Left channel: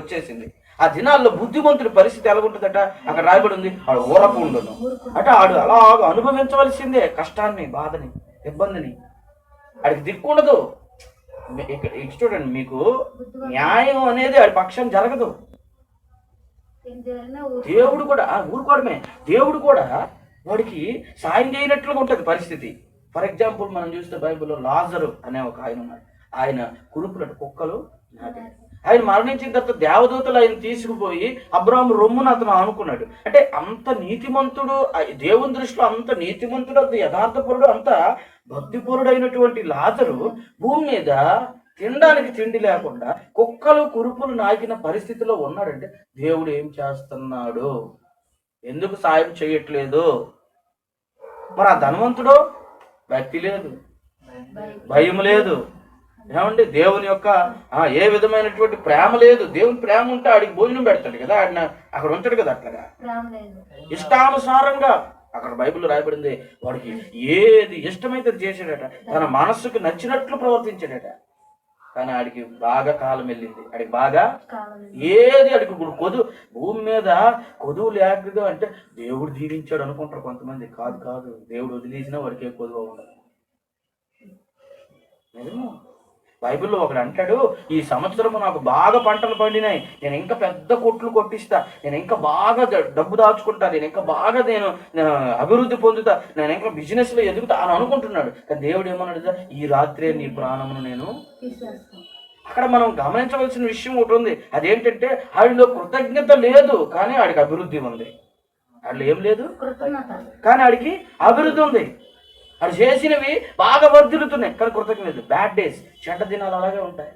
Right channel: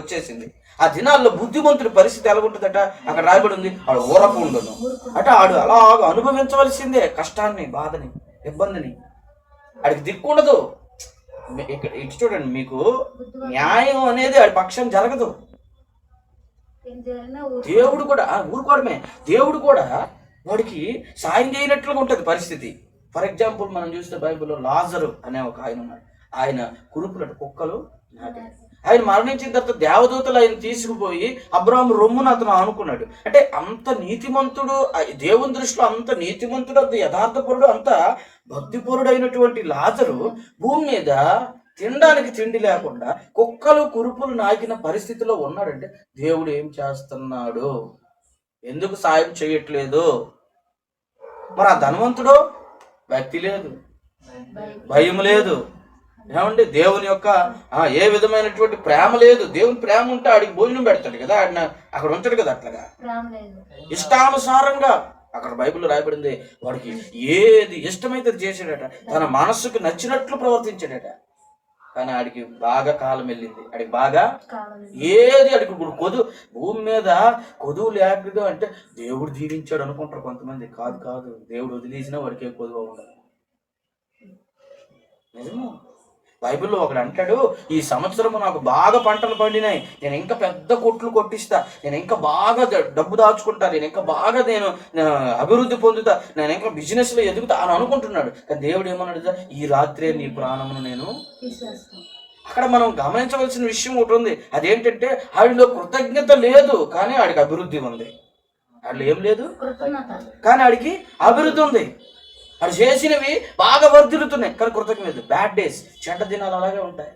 వచ్చేసింది. ఆ దినాల్లో బుద్ధిమంతుడి పరిస్థితి ఎలా ఉంటుందట, అక్కడ రాయబడి ఉంది, వాడు ఊరకు ఉండదు అంటే ఆడు అలాగ అనుభవించవలసిందే కష్టాన్ని, బాధని, ఇబ్బందిని. ఆడికి దిక్కు ఉండదు. ఇటు చూడండి, మీకు న్యాయం అనేది ఆడి పక్షం జరగదు. దేవుడు కూడా ఊరుకోవడమే, దేవుడు కూడా వాడికి సాయం చేయనట్లుగా ఉంటుంది పరిస్థితి. ఫర్ ఎగ్జాంపుల్ మనం చూసిన బైబిల్లో లాజరు అనే ఒక ఆయన ఉన్నాడు. ఆయన కురుపులట కుక్కలు, ఆయన మరణించిన తర్వాత దేవదూతలు ఆయన తీసుకుపోయి అబ్రాహాము రొమ్మును అతను అనుకున్నాడు. అంటే అంత నీతిమంతుడు, దేవుని దృష్టిలో అంత నీతిమంతుడు, అంత యథార్థపరుడు, అంత భక్తిపరుడు అయినటువంటి లాజరు భూమి మీద తినడానికి తిండి లేకుండా కుక్కలు కురుపులు నాకిన పరిస్థితిలో ఉన్నాడంటే దేవుడు ఏం చేస్తున్నాడు, ఎందుకు సాయం చేయట్లేదు? మరి ఆ ధనవంతుడు భక్తి లేదు, భయం లేదు, ఏమండి దేవుని యొక్క ఏ విధమైనటువంటి ప్రేమ లేదు. దేవుని ప్రేమ ఉంటే ఆడికి భోజనం పెడతాడు కదా, ఆడిన అక్కడ ఉంచాడు కదా. అట్లాగా ఇష్టానుసారంగా అక్కడ బైబిల్లో రాయబడింది, వాడికి ఏది ఇష్టమైతే చేశాడట, తన మనస్సుకు నచ్చినట్లు ప్రవర్తించాడట. కానీ ఆడికి బాగా కాలం వెళ్ళింది, ఆడికి బాగా ఏది ఆడికి భూమి మీద కొదువు లేకుండా అంటే దేవుడు దీవించాడు అనుకుంటారు కొంతమంది. కాదు కాదు, దేవుడు వదిలేసినా వాడికి ఏ కొదువు ఉండదు. నిజమా? బైబిల్లో ఒకడు అంటాడు, ఈ సంవత్సరం నాకు బాగా పంటలు పండినాయి, నేను ఇంకా పెద్ద కొట్లు కొట్టిస్తా, నేను ఇంకా బాగా డబ్బు దాచుకుంటా, నేను ఇంకా బాగా నేను అభివృద్ధి పొందుతా, నేను ఇంకా బిజినెస్ లో ఎదుగుతా అని అనుకుంటున్నాడు. కానీ దేవుడు ఏమన్నాడు, ఈ రాత్రే నీ ప్రాణమును నేను. అక్కడ మనం గమనించవలసిన విషయం ఒకటి ఉంది, అదేంటంటే ఆడిలో కృతజ్ఞత లేదు కానీ ఆడికి అభివృద్ధి ఉంది. ఆడిలో ఏం లేదు కానీ ఆడికి అభివృద్ధి ఉంది. అది చేసినవి బాగా వర్ధిల్లుతున్నాయి కానీ కృతజ్ఞత. బ్యాడ్ డేస్, చెడ్డ దినాలు అలాగే ఉంటాయి.